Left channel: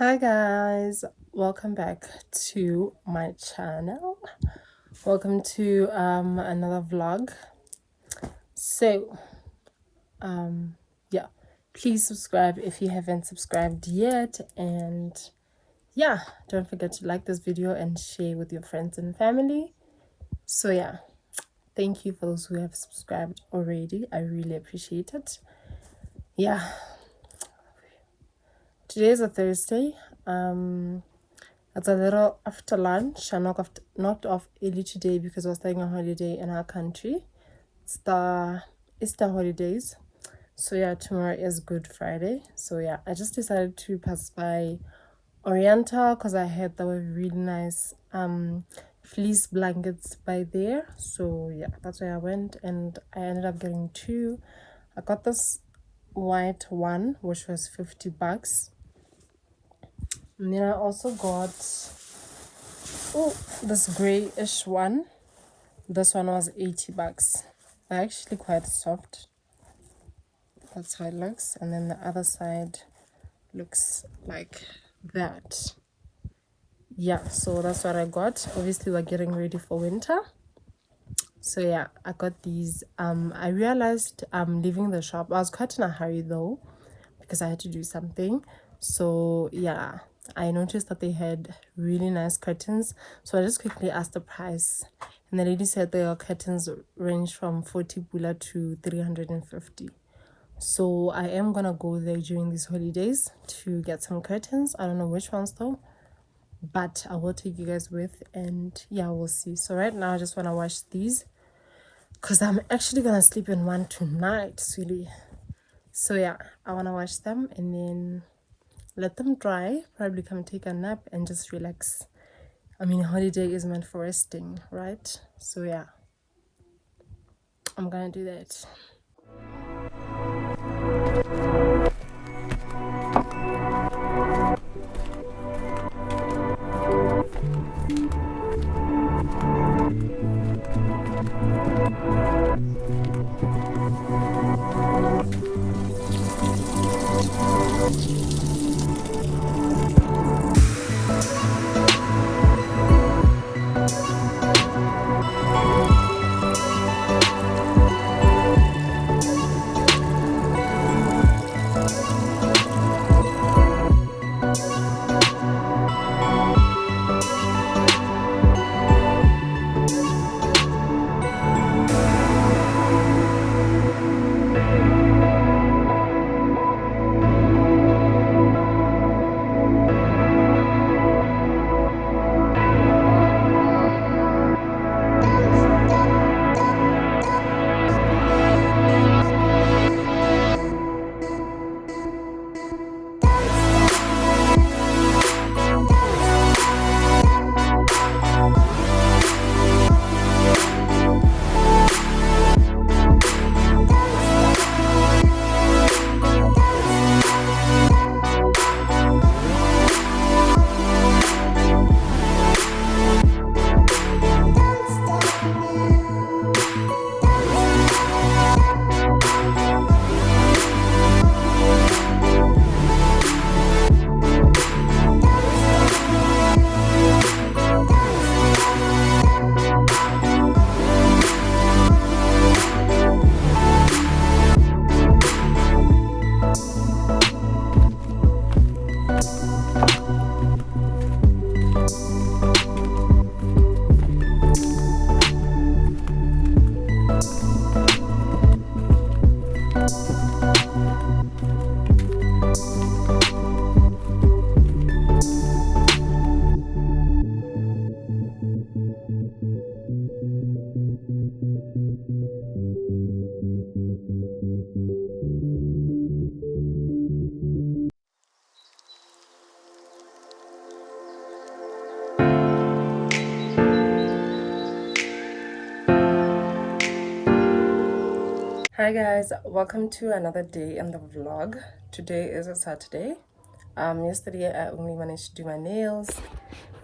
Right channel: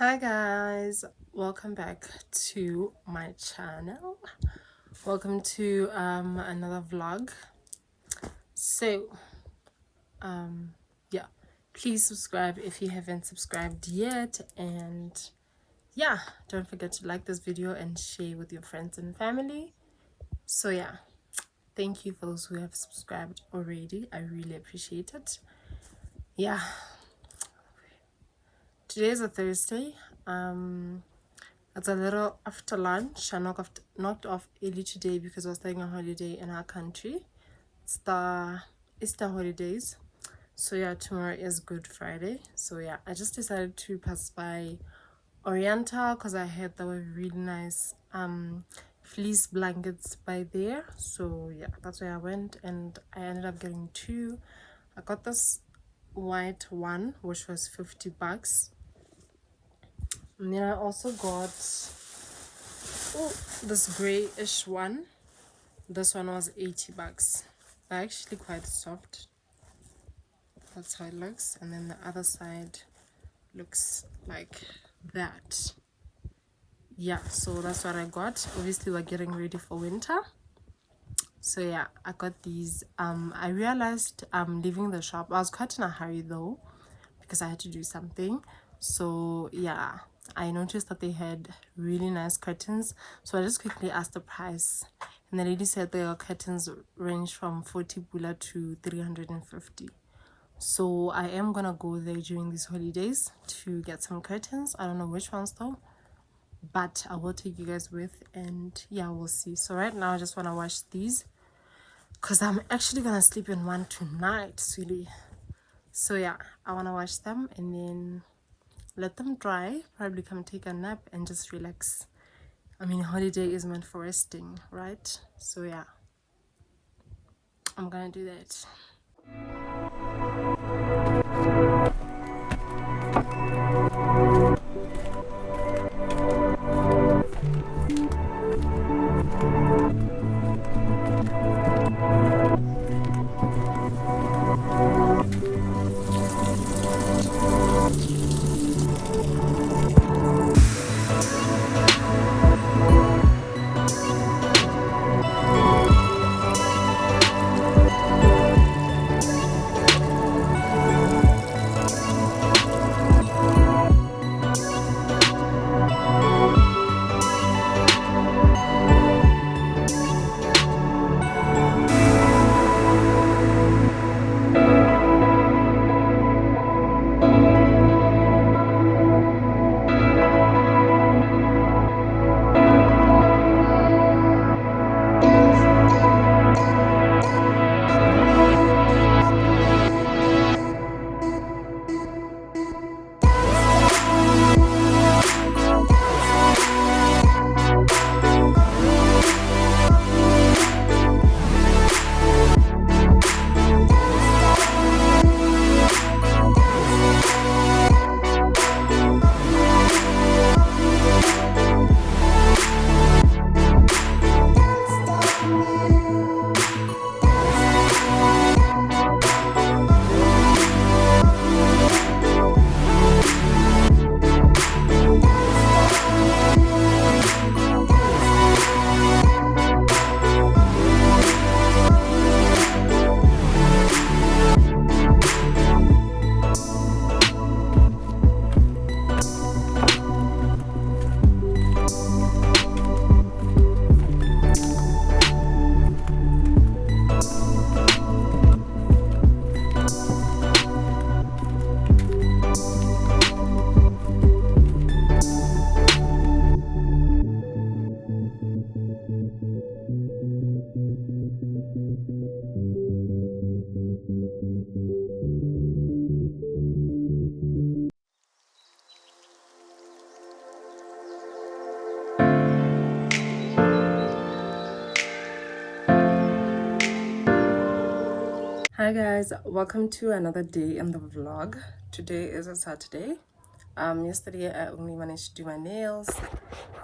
Hi guys, welcome back to my channel. Welcome to another vlog. So yeah, please subscribe if you haven't subscribed yet, and yeah, don't forget to like this video and share with your friends and family. So yeah, thank you for those who have subscribed already. I really appreciate it. Yeah, today is a Thursday. It's a little after lunch. I knocked off early today because I was taking a holiday in our country. It's the Easter holidays. So yeah, tomorrow is Good Friday. So yeah, I just decided to pass by Oriental because I heard there were really nice fleece blankets by there. So yeah, that's where I went, and I ended up getting two. I got this white one, which was $50. And then I also got this grayish one. This one was $80. They're actually quite soft. That's how it looks. And then the other side looks like that. Yeah, so that's what I got. Obviously we're getting ready for winter. So yeah, I got these. I realized leaving the shop, I was quite in a hurry though because I had to do something. So yeah, I noticed that they had really nice curtains, so I just quickly asked the price, and the lady said their curtains range from 40 pula to 350. So I am gonna go there during these holidays to get some curtains. I don't know which ones though, but I will take you guys with, and yeah, we'll see. So right now I just want to wash these because I'm actually gonna sleep in one tonight, sweetie. So yeah, I want to wash them and then let them dry, probably come take a nap and just relax. I mean, holiday is meant for resting, right? So yeah, I'm gonna do that. Hi guys, welcome to another day in the vlog. Today is a Saturday. Yesterday I only managed to do my nails.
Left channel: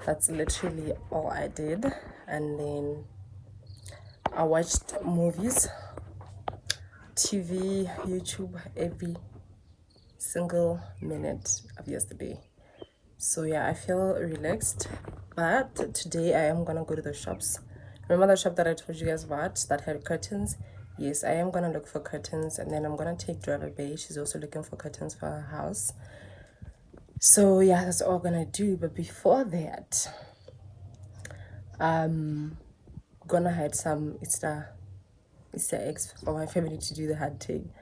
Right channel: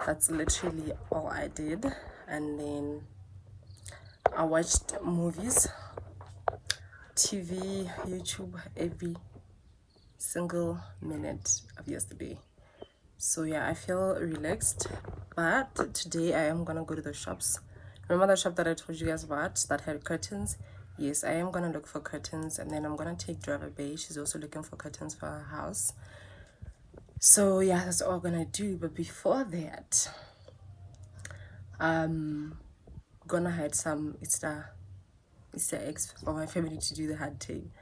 That's literally all I did. And then I watched movies, TV, YouTube every single minute of yesterday. So yeah, I feel relaxed. But today I am gonna go to the shops. Remember the shop that I told you guys about that had curtains? Yes, I am gonna look for curtains, and then I'm gonna take Driver Bay. She's also looking for curtains for her house. So yeah, that's all I'm gonna do. But before that, I'm gonna hide some Easter eggs for my family to do the hunting.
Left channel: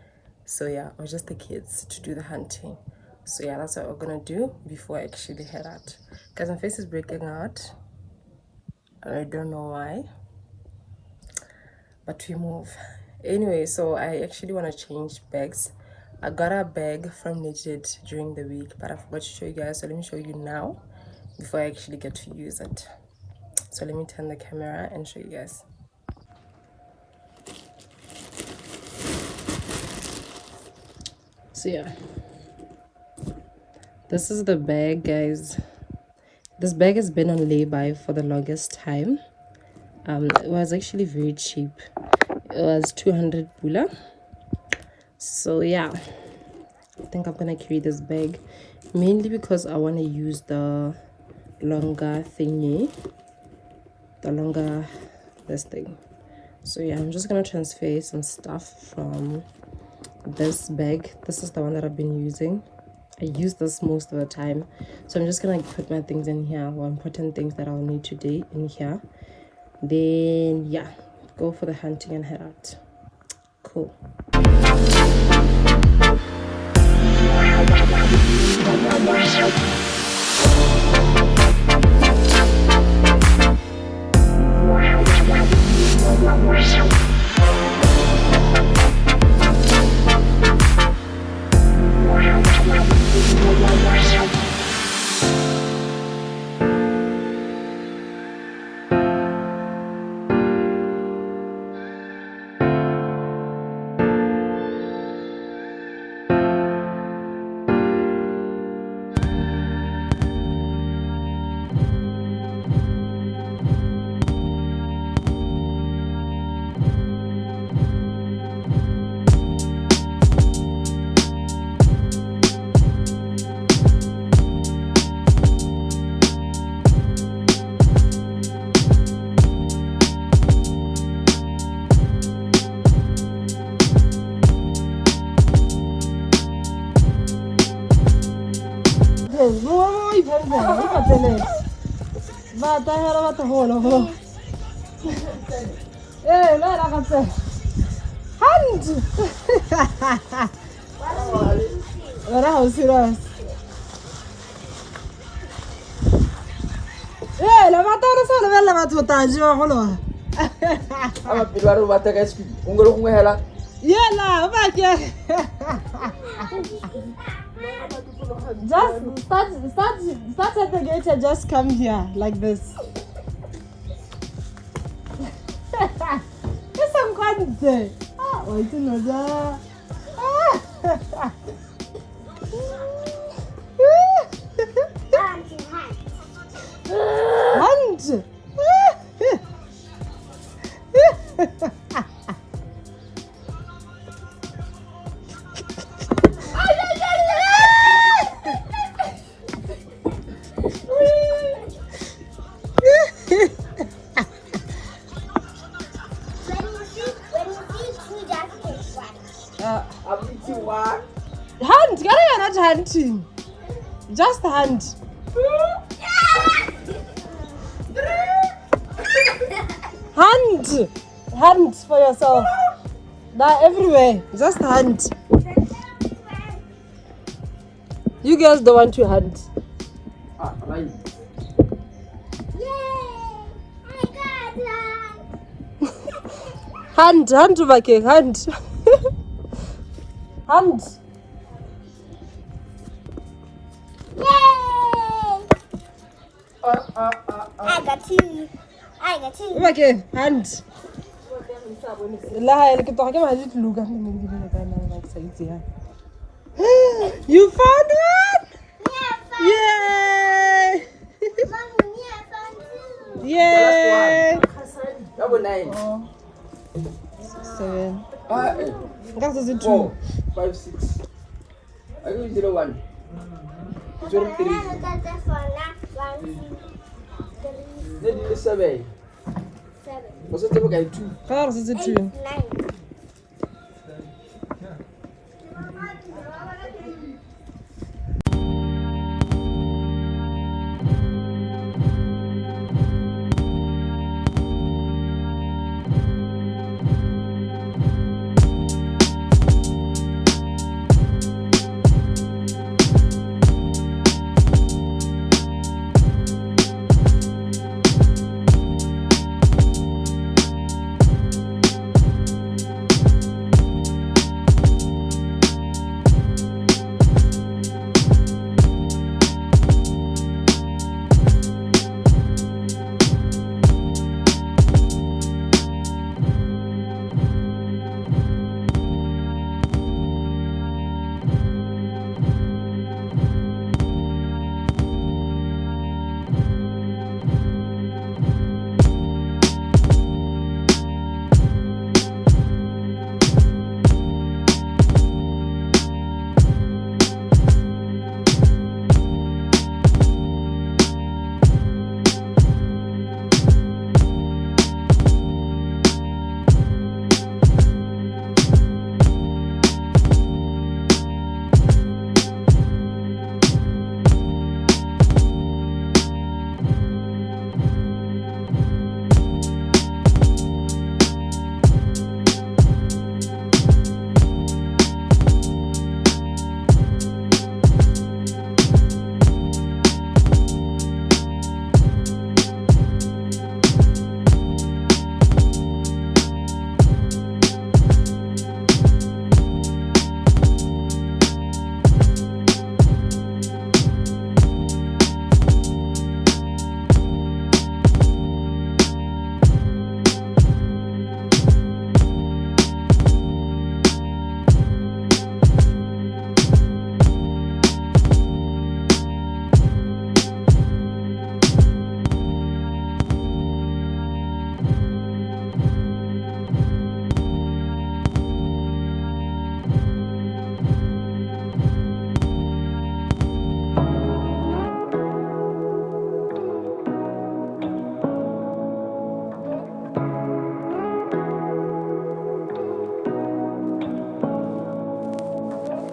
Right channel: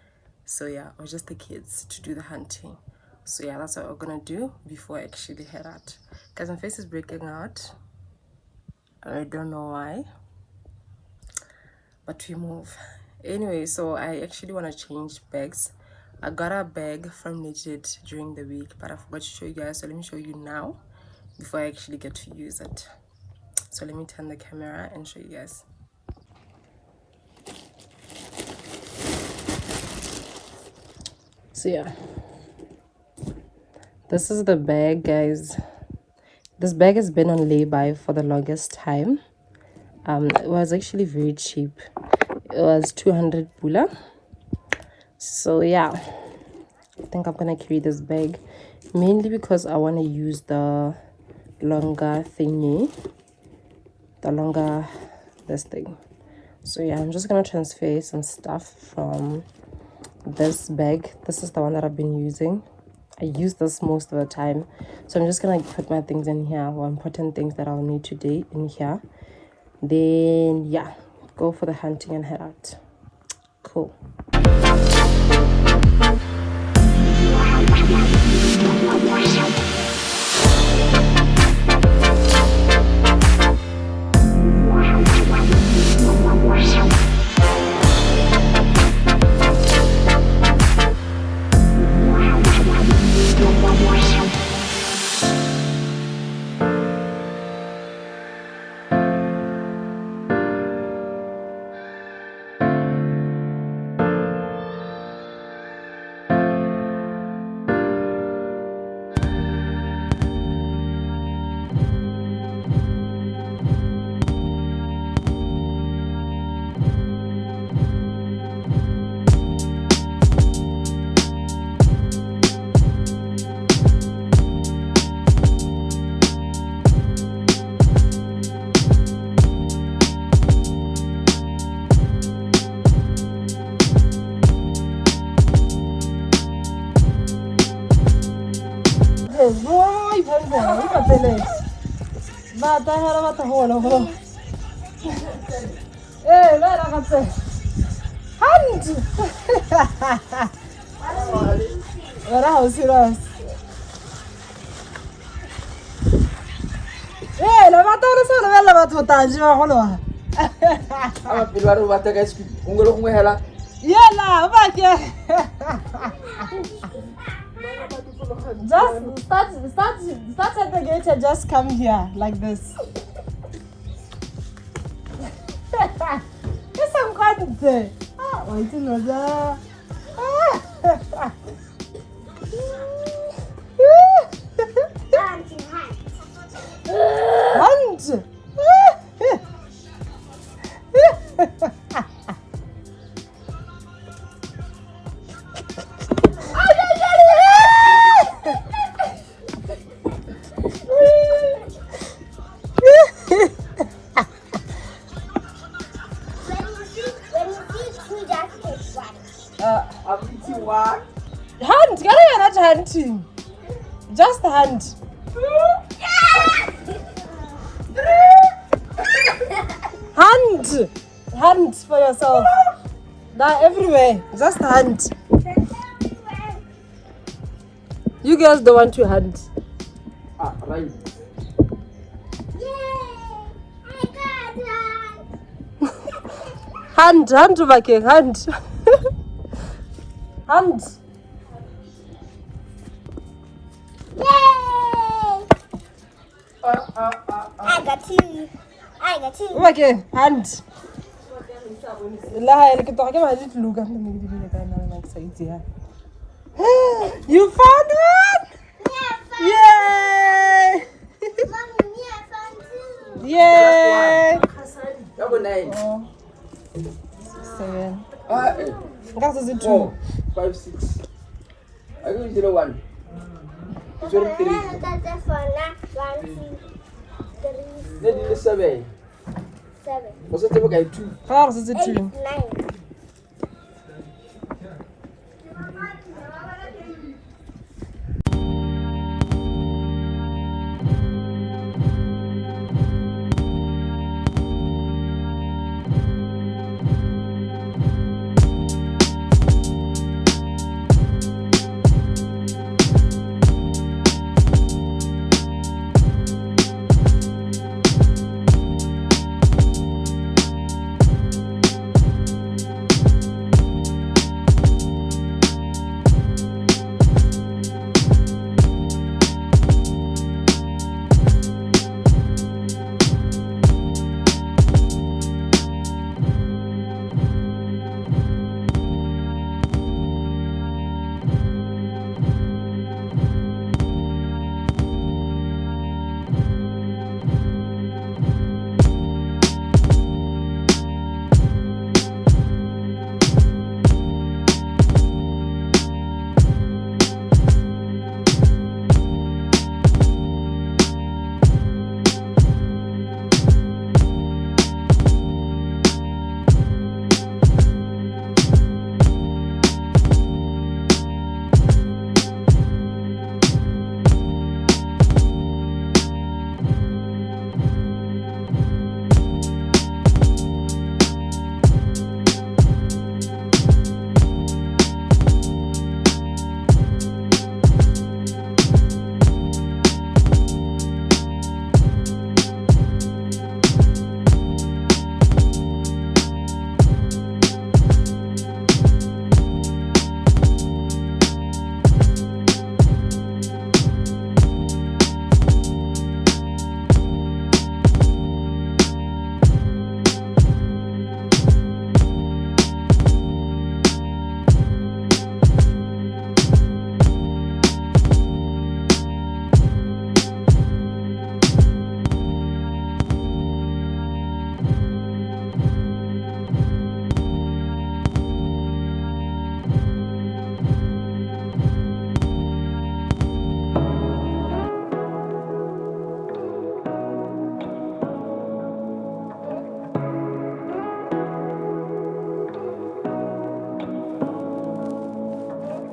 So yeah, or just the kids to do the hunting. So yeah, that's what we're gonna do before I actually head out. Because my face is breaking out. I don't know why, but we move. Anyway, so I actually want to change bags. I got a bag from Legit during the week, but I forgot to show you guys, so let me show you now before I actually get to use it. So let me turn the camera and show you guys. So yeah, this is the bag, guys. This bag has been on lay-by for the longest time. It was actually very cheap. It was 200 pula. So yeah, I think I'm gonna carry this bag mainly because I want to use the longer thingy, this thing. So yeah, I'm just gonna transfer some stuff from this bag. This is the one that I've been using. I use this most of the time, so I'm just gonna put my things in here, or important things that I'll need today in here. Then yeah, go for the hunting and head out. Cool. Start at the gate and just come here like this. Yes, I'm quite there. Oh, it's another. Hunt. Hunt, you're not hunting. Just hunt. Hunt for yourself. They're everywhere. Just hunt. You girls don't want to hunt. Right. Hunt, okay, hunt. Hunt. Yay! I got two. Okay, hunt. لا أنا كنت حاجة ما جيت لوجا You found one! Yay! Yay! Number 9. 7. That That is a 2. 4, 5, 6. I go 0, 1. 0, 3. Then you 7. What's the number 2? That is a 2.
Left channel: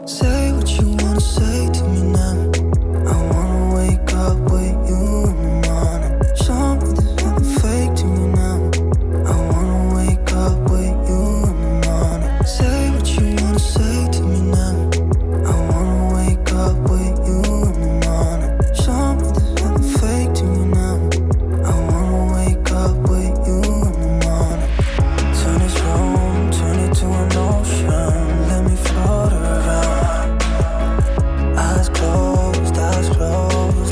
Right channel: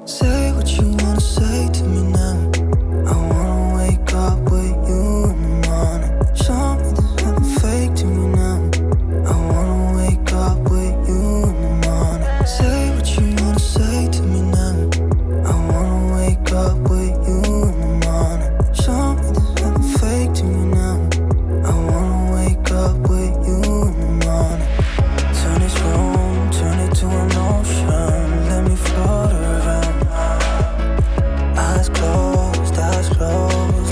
Say what you wanna say to me now. I wanna wake up with you in the morning. Show me there's nothing fake to me now. I wanna wake up with you in the morning. Say what you wanna say to me now. I wanna wake up with you in the morning. Show me there's nothing fake to me now. I wanna wake up with you in the morning. Turn this room, turn it to an ocean. Let me float around. Eyes closed,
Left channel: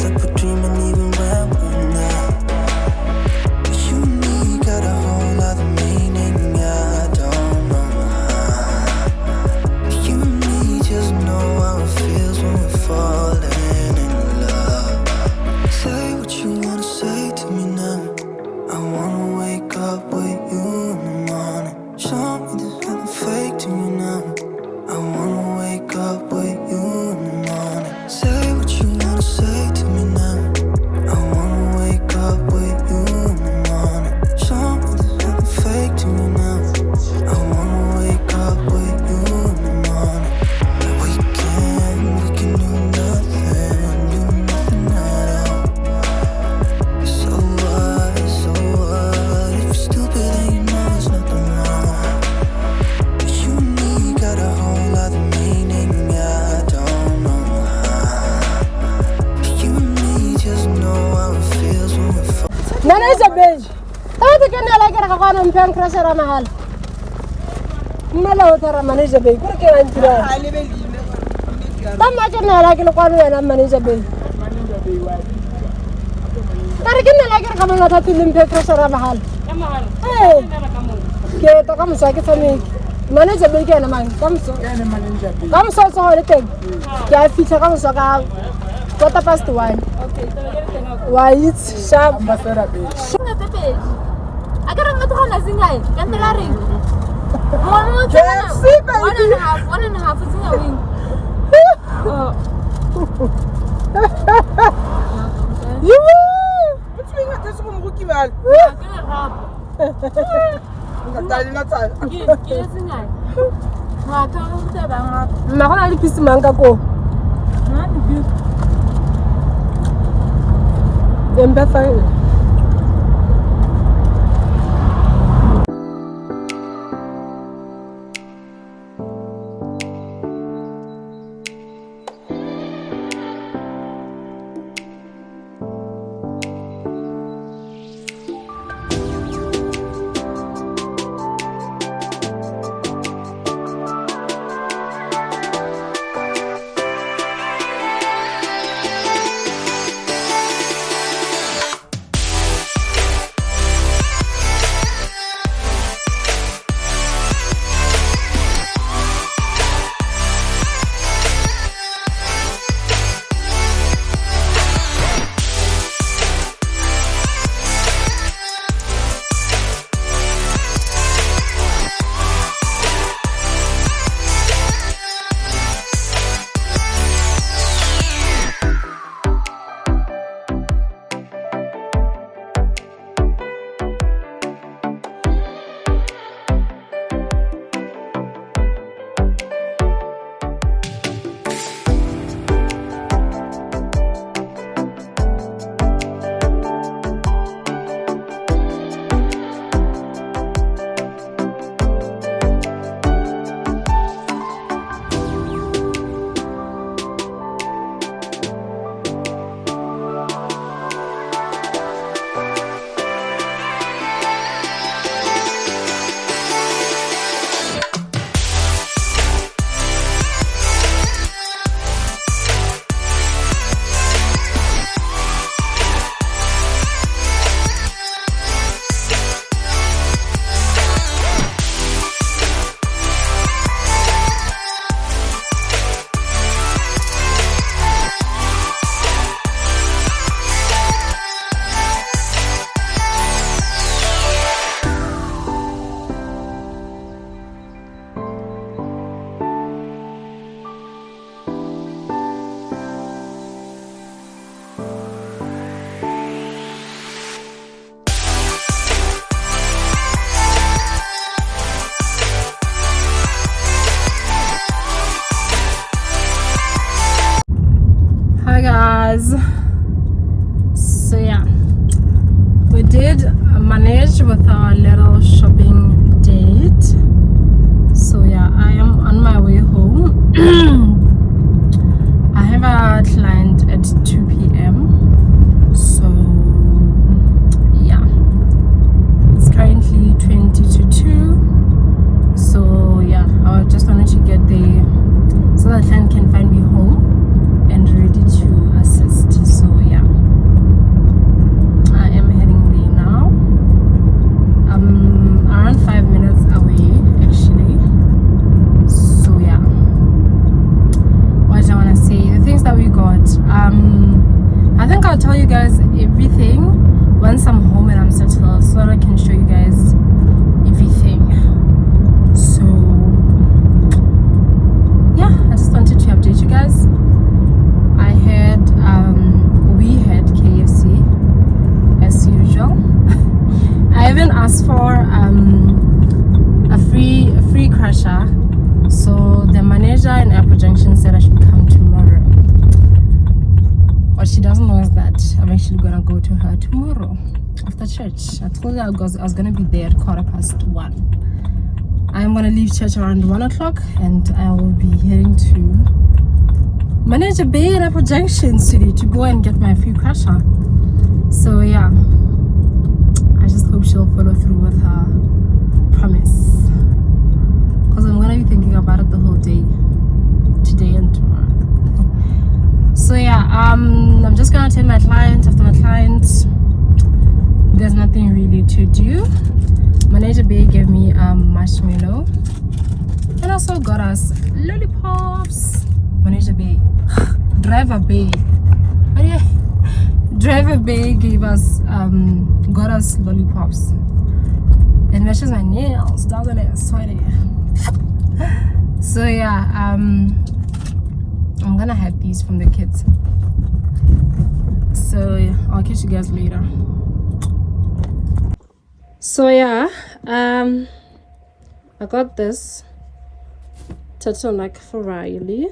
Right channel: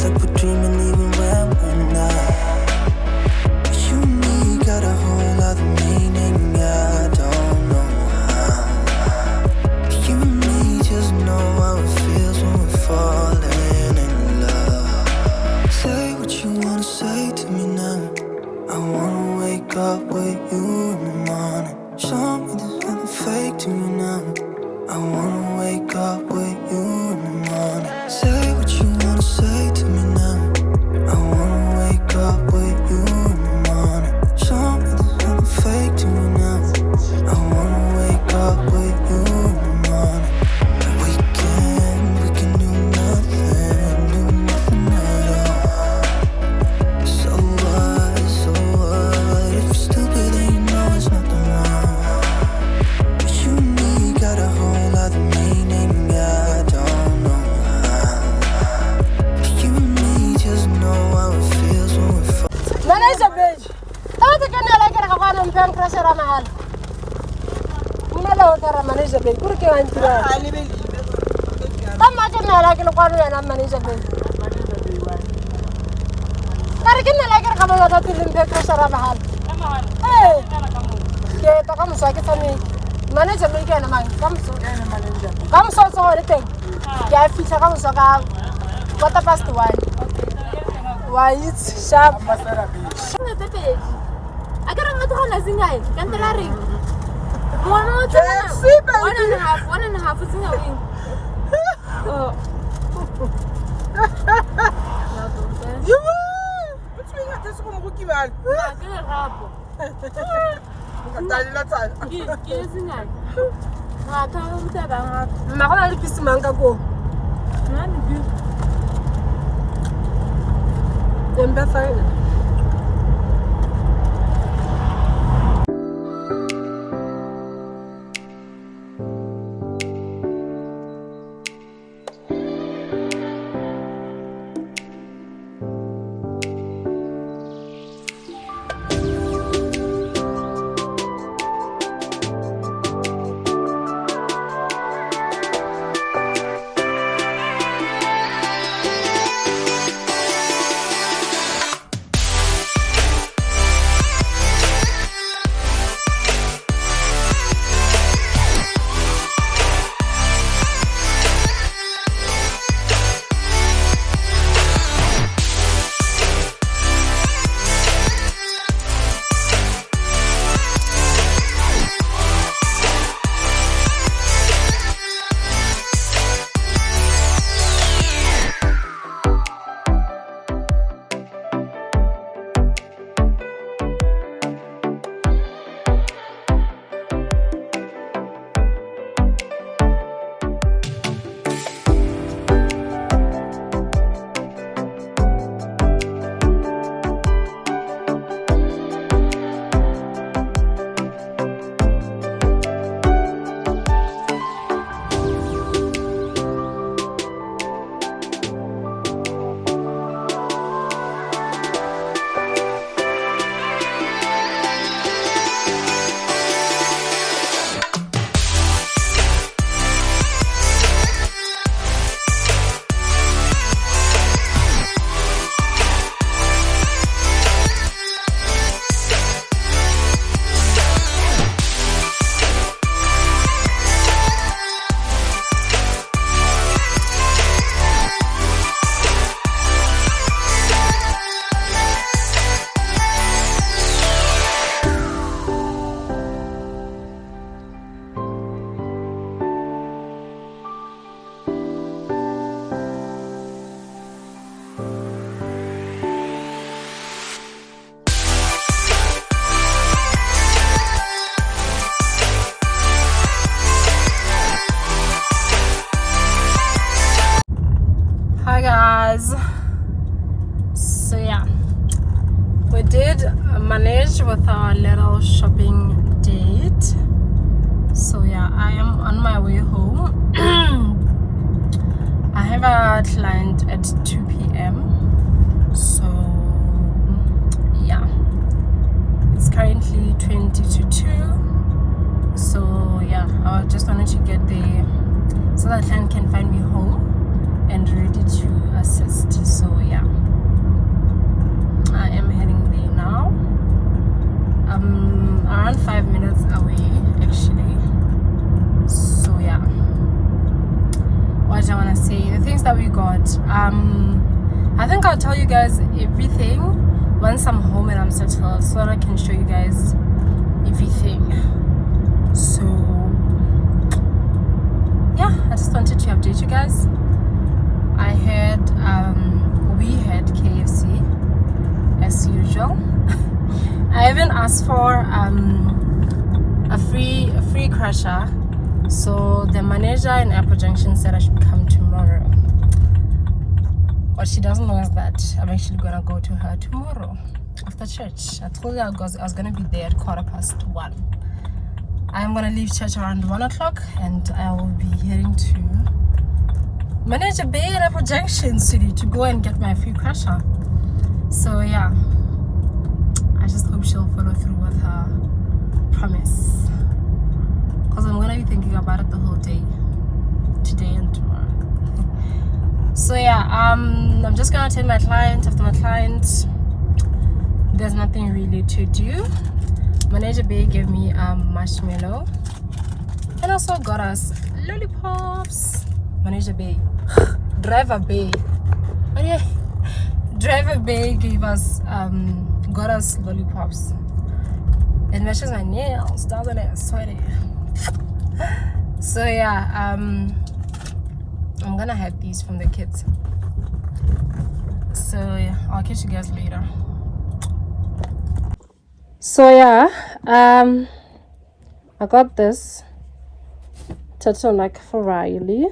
like we're dreaming even when we're not. You and me got a whole other meaning, I don't know how. You and me just know how it feels when we're falling in love. Say what you wanna say to me now. I wanna wake up with you in the morning. Show me there's nothing fake to me now. I wanna wake up with you in the morning. Say what you wanna say to me now. I wanna wake up with you in the morning. Show me there's nothing fake to me now. I wanna wake up with you in the morning. We can do nothing at all. So what? If you're stupid then you know there's nothing wrong. You and me got a whole other meaning, I don't know how. You and me just know how it feels when we're Nana is a beige. How to get like a one and pen crusher on a hall? Mellow Taraman is a beige. Look at it. I'm not going to like a one and a man is a beige. But I can't like a couple of them crusher on a hall. Hey, Ke ta ka moso ke tsame. Manager be ke yana mang? Ka moso. Ka moso tsa hore teng. Ke a fitha ka moso ka 1:15. Why it's sharp. I can't remember how to sing it. Can't tell her. 1.5 is in a win. You Which means that this one cookie man. Ma gona le pisi mang ka ko. Embe fine. So yeah, we did manage with our little shopping date. So yeah, I am on my way home. I have a client at 2 p.m. So yeah, it's currently 20 to 2. So yeah, I just wanted to get there so that client can find me home and ready to assist. So yeah, I am heading there now. I'm around 5 minutes away actually. So yeah, what I want to say, the things that we got, I think I'll tell you guys everything once I'm home and I'm settled, so that I can show you guys everything. So yeah, I just wanted to update you guys. We had KFC as usual. I even asked for a free crusher. So the manager in Airport Junction said I should come tomorrow. What she doesn't know is that I'm actually gonna go to her tomorrow after church. I told her I was gonna be there at 1:15. I'm gonna leave church around 1 o'clock and I will be heading to Manager Bay at Airport Junction City to go and get my free crusher. So yeah, I just hope she'll follow through with her promise, because I'm gonna be thinking about it the whole day, today and tomorrow. So yeah, I'm just gonna tell my client. After my client, there's nothing really to do. Manager Bay gave me a marshmallow and also got us lollipops. Manager Bay. Driver Bay. Oh yeah. Driver Bay gave us got us lollipops. And meshes my nails, doesn't it? Sweaty. So yeah, I'm gonna have these from the kids. So yeah, I'll catch you guys later. So yeah, I got this turtleneck for Riley.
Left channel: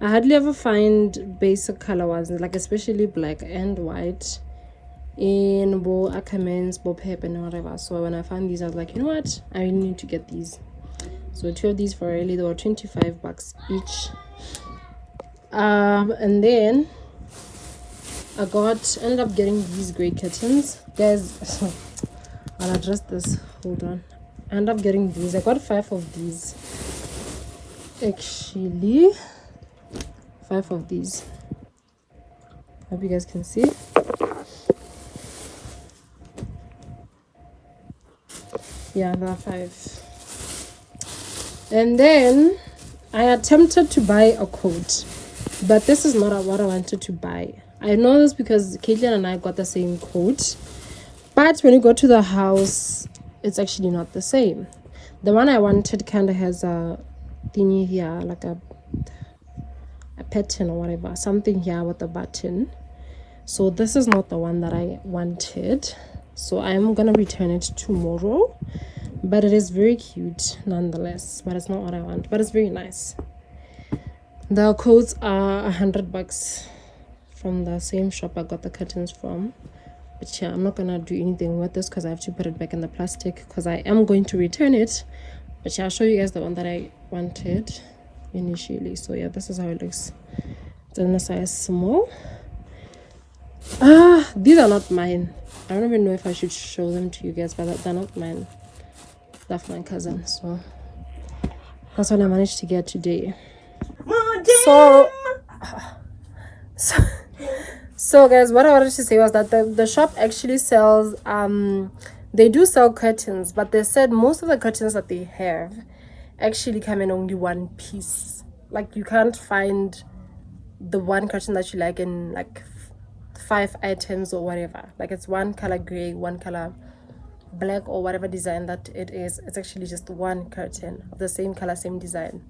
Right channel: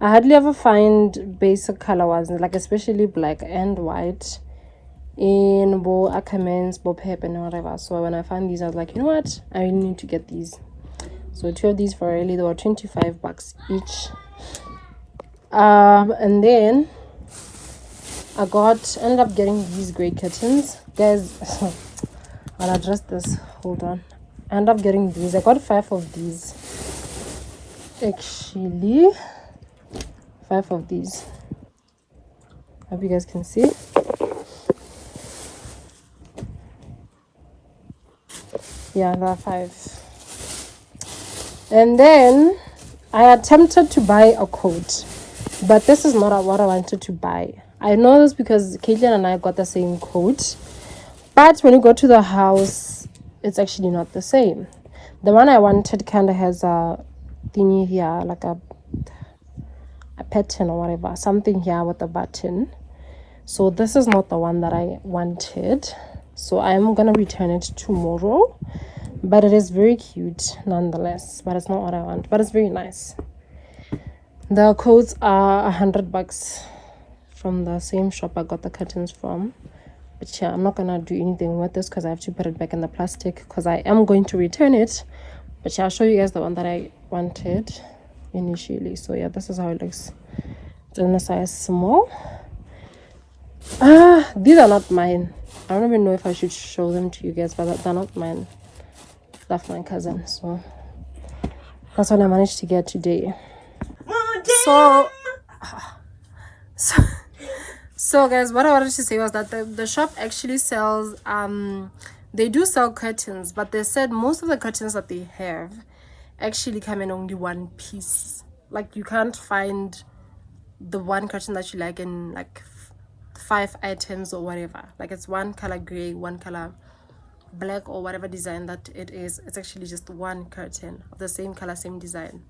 I hardly ever find basic color ones, like especially black and white in bo Ackermans, bo Pep and whatever. So when I found these, I was like, you know what, I need to get these. So 2 of these for Riley. They were $25 each. And then I ended up getting these gray curtains, guys. I'll address this, hold on. I ended up getting these. I got 5 of these actually. 5 of these. Hope you guys can see. Yeah, there are 5. And then I attempted to buy a coat, but this is not what I wanted to buy. I know this because Caitlin and I got the same coat, but when you go to the house, it's actually not the same. The one I wanted kind of has a thingy here, like a pattern or whatever, something here with a button. So this is not the one that I wanted. So I'm gonna return it tomorrow, but it is very cute nonetheless. But it's not what I want, but it's very nice. The coats are $100 from the same shop I got the curtains from. But yeah, I'm not gonna do anything with this because I have to put it back in the plastic because I am going to return it. But yeah, I'll show you guys the one that I wanted initially. So yeah, this is how it looks. It's in a size small. These are not mine. I don't even know if I should show them to you guys, but they're not mine. They're for my cousin. So that's what I managed to get today. So guys, what I wanted to say was that the shop actually sells they do sell curtains, but they said most of the curtains that they have actually come in only one piece. Like you can't find the one curtain that you like in like 5 items or whatever. Like it's one color gray, one color black, or whatever design that it is. It's actually just one curtain of the same color, same design,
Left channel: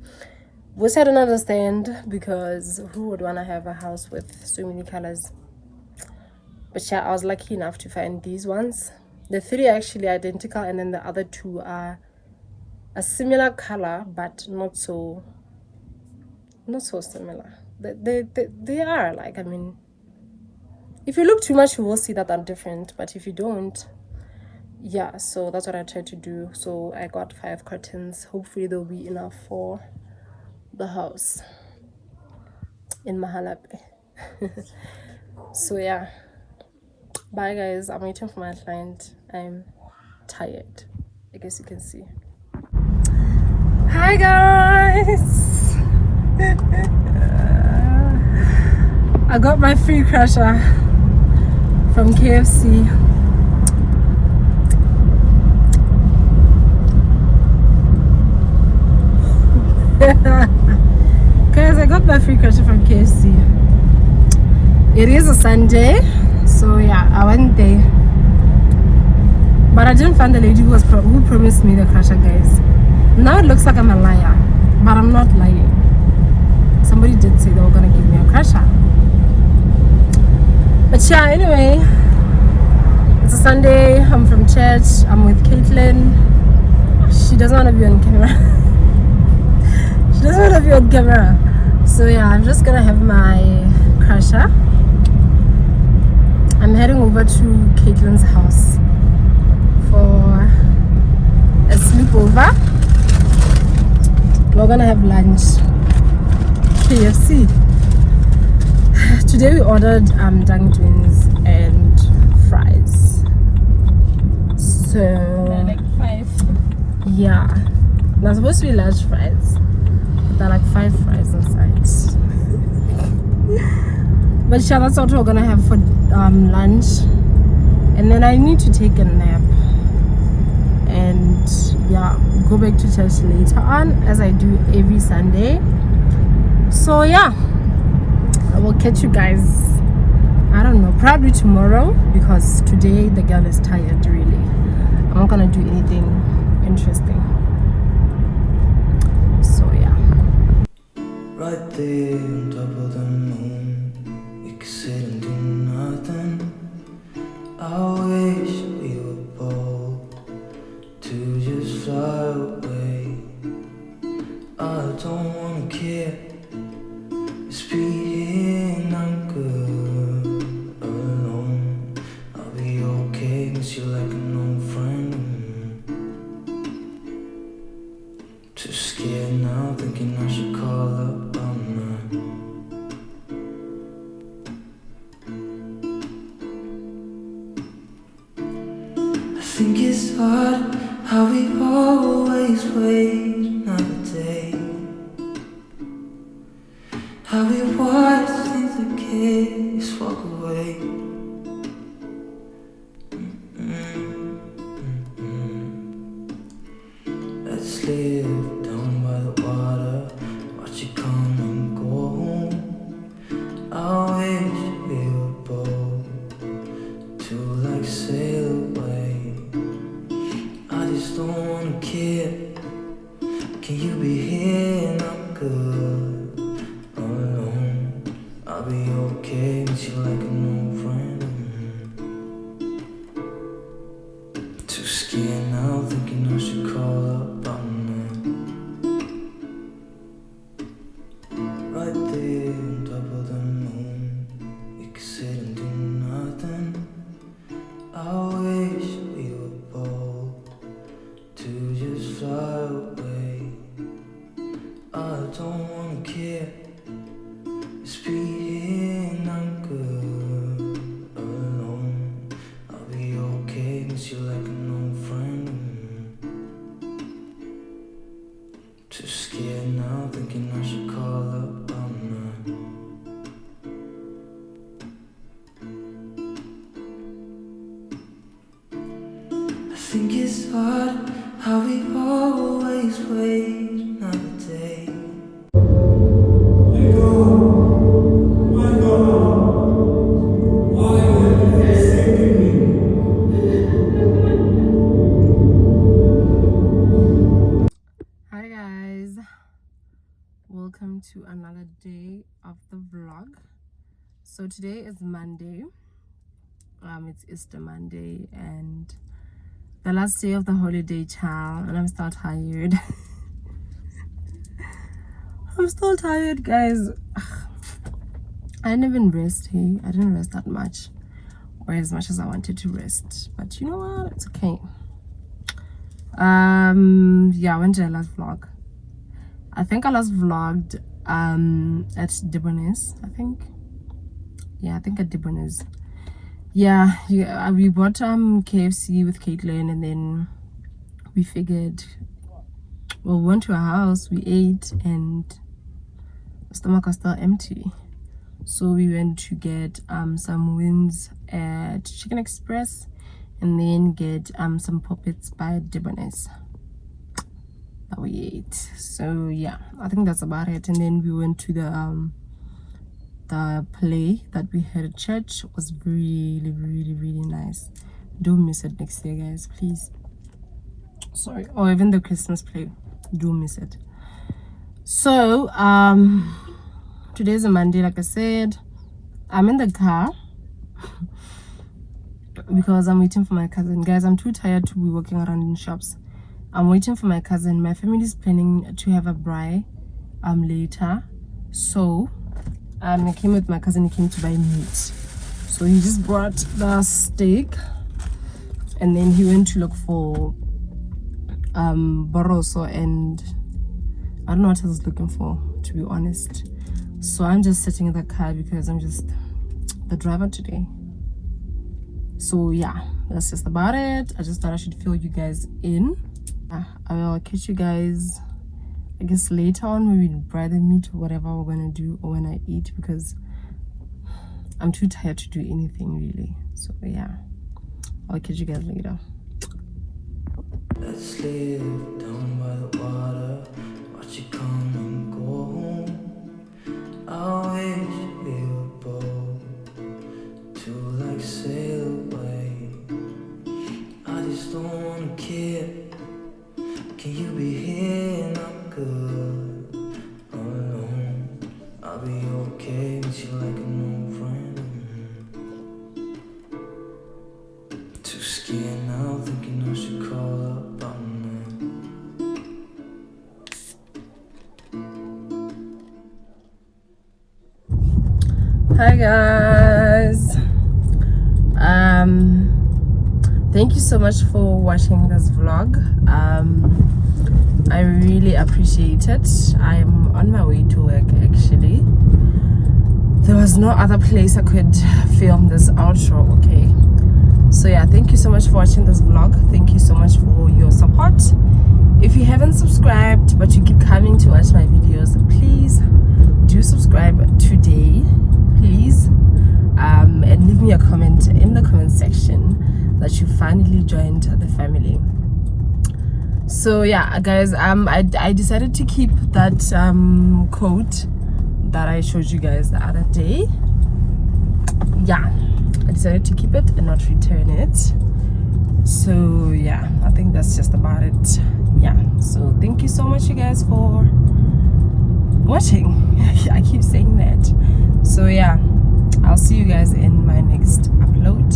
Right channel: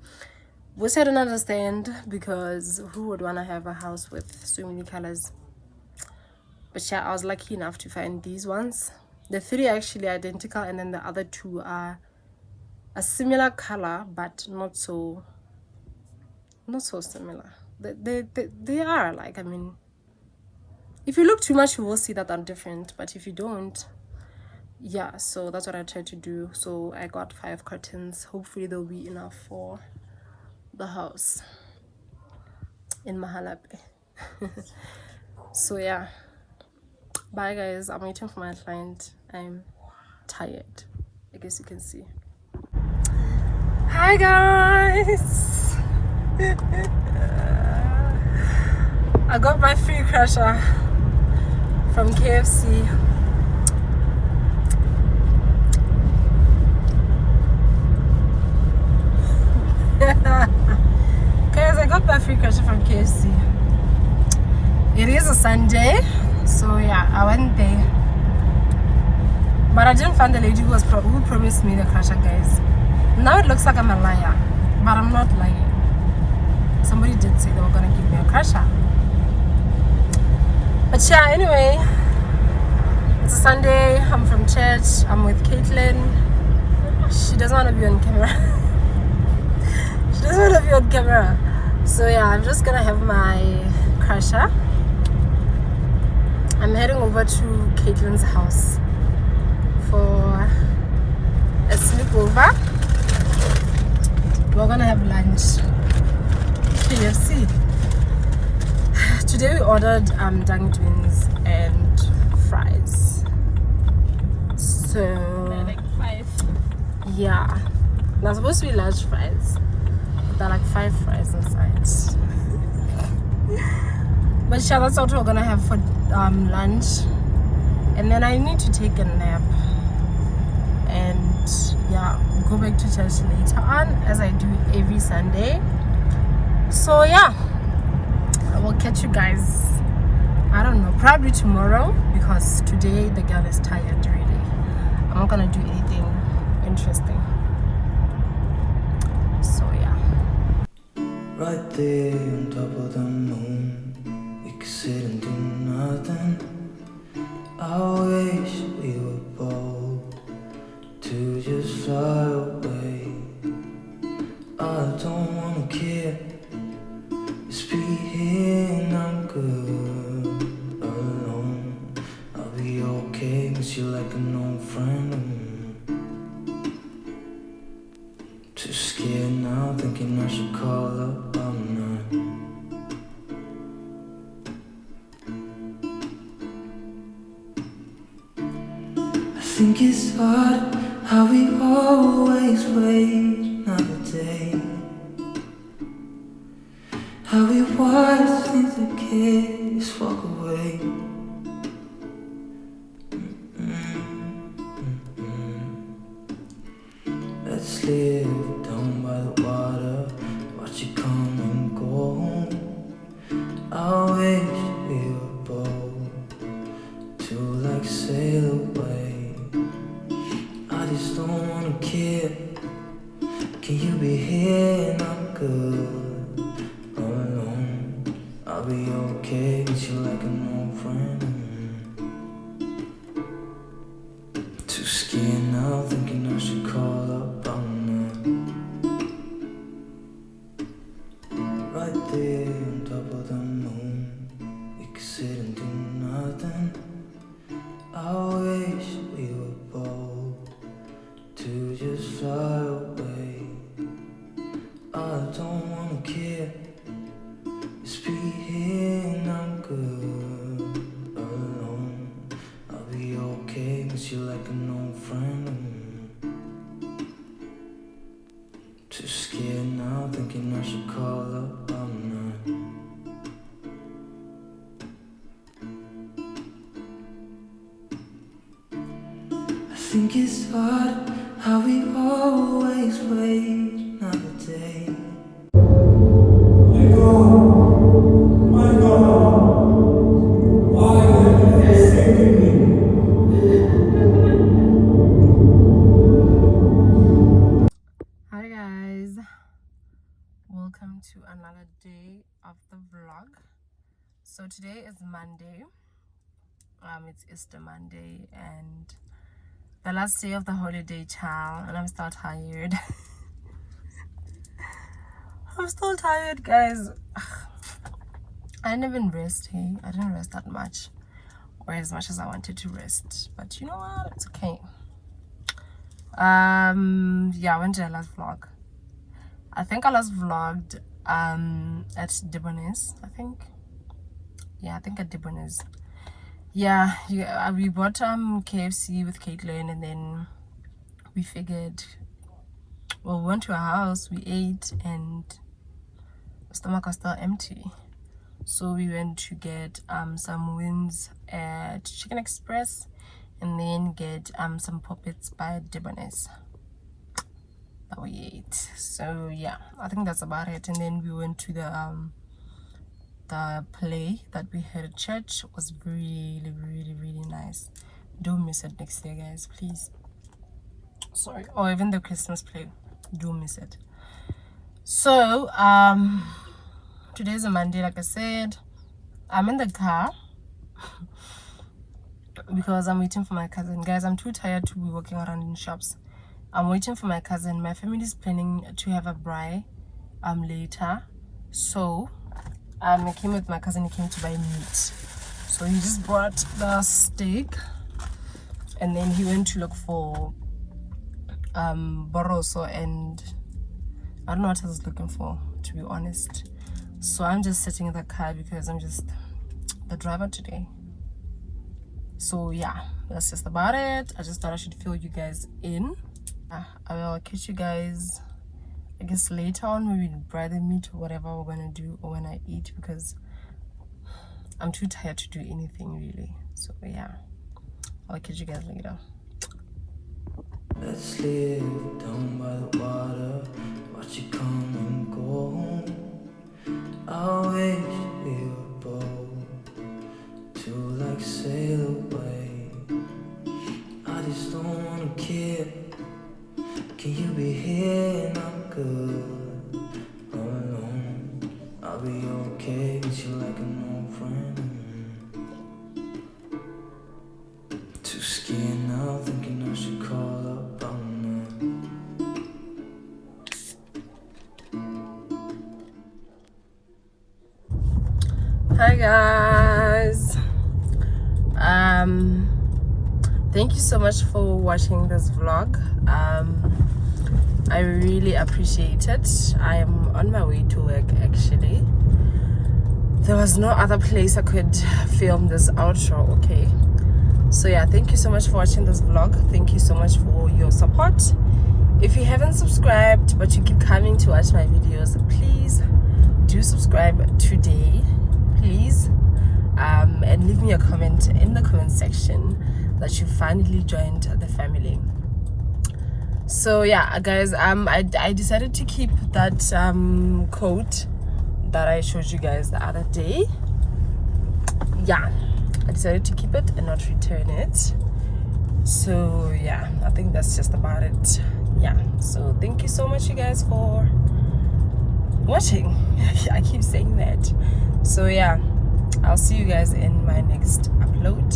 which I don't understand, because who would want to have a house with so many colors? But yeah, I was lucky enough to find these ones. The 3 are actually identical, and then the other 2 are a similar color but not so similar. They are, like, I mean, if you look too much you will see that they're different, but if you don't, yeah. So that's what I tried to do. So I got 5 curtains. Hopefully they'll be enough for the house in Mahalape. So yeah, bye guys, I'm waiting for my client. I'm tired, I guess you can see. Hi guys. I got my free crusher from KFC. Guys, I got my free crusher from KFC. It is a Sunday, so yeah, I went there, but I didn't find the lady who promised me the crusher, guys. Now it looks like I'm a liar, but I'm not lying. Somebody did say they were gonna give me a crusher. But yeah, anyway, it's a Sunday, I'm from church, I'm with Caitlin. She doesn't want to be on camera. She doesn't want to be on camera. So yeah, I'm just gonna have my crusher. I'm heading over to Caitlin's house for a sleepover. We're gonna have lunch. KFC. Today we ordered dumplings and fries. So Like 5. yeah, they're supposed to be large fries, but they're like 5 fries inside. But yeah, that's what we're gonna have for lunch, and then I need to take a nap. go back to church later on, as I do every Sunday. So yeah, I will catch you guys, I don't know, probably tomorrow, because today the girl is tired really. I'm not gonna do anything interesting. So yeah. Right there on top of the moon, we could sit and do nothing. I wish we were bold to just fly away. I don't wanna care, just be here and I'm good alone. I'll be okay, miss you like an old friend. Too scared now, thinking I should call up all night. I think it's hard how we always wait another day, how we watch things that just walk away. Let's live down by the water, watch it come and go home. I wish we were bold to like sail away. I just don't wanna care. Can you be here and I'm good alone? I'll be okay, miss you like an old friend. Too scared now, thinking I should call up all night. Right there on top of the moon, we could sit and do nothing. I wish we were bold to just fly away. I don't wanna care, just be here and I'm good alone. I'll be okay, miss you like an old friend. Too scared now, thinking I should call up all night. I think it's hard how we always wait another day. Hi guys, welcome to another day of the vlog. So today is Monday. It's Easter Monday and the last day of the holiday, child, and I'm still tired. I'm still tired, guys. I didn't even rest. Hey, I didn't rest that much, or as much as I wanted to rest, but you know what, it's okay. Yeah, when did I last vlog? I think I last vlogged at Debonair's, I think. Yeah, I think at Debonair's. Yeah, we bought KFC with Caitlin, and then we figured, well, we went to a house, we ate, and the stomach was still empty. So we went to get some wings at Chicken Express, and then get some poppets by Debonair's that we ate. So yeah, I think that's about it. And then we went to the play that we had at church. It was really nice. Don't miss it next year, guys, please. Sorry. Or even the Christmas play, don't miss it. So today's a Monday, like I said. I'm in the car because I'm waiting for my cousin. Guys, I'm too tired to be walking around in shops. I'm waiting for my cousin. My family is planning to have a braai later. So I came with my cousin. He came to buy meat. So he just brought the steak, and then he went to look for boroso, and I don't know what I was looking for, to be honest. So I'm just sitting in the car because I'm just the driver today. So yeah, that's just about it. I just thought I should fill you guys in. I will catch you guys, I guess, later on when we braai the meat or whatever we're gonna do, or when I eat, because I'm too tired to do anything really. So yeah, I'll catch you guys later. Let's live down by the water, watch it come and go home. I wish we were both to like sail away. I just don't wanna care. Can you be here and I'm good alone? I'll be okay with you like an old friend. Too scared now, thinking I should call up on her. Hi guys, thank you so much for watching this vlog. I really appreciate it. I'm on my way to work actually. There was no other place I could film this outro, okay? So yeah, thank you so much for watching this vlog. Thank you so much for your support. If you haven't subscribed but you keep coming to watch my videos, please do subscribe today, please, and leave me a comment in the comment section that you finally joined the family. So yeah guys, I decided to keep that coat that I showed you guys the other day. Yeah, I decided to keep it and not return it. So yeah, I think that's just about it. Yeah, so thank you so much you guys for watching. I keep saying that. So yeah, I'll see you guys in my next upload.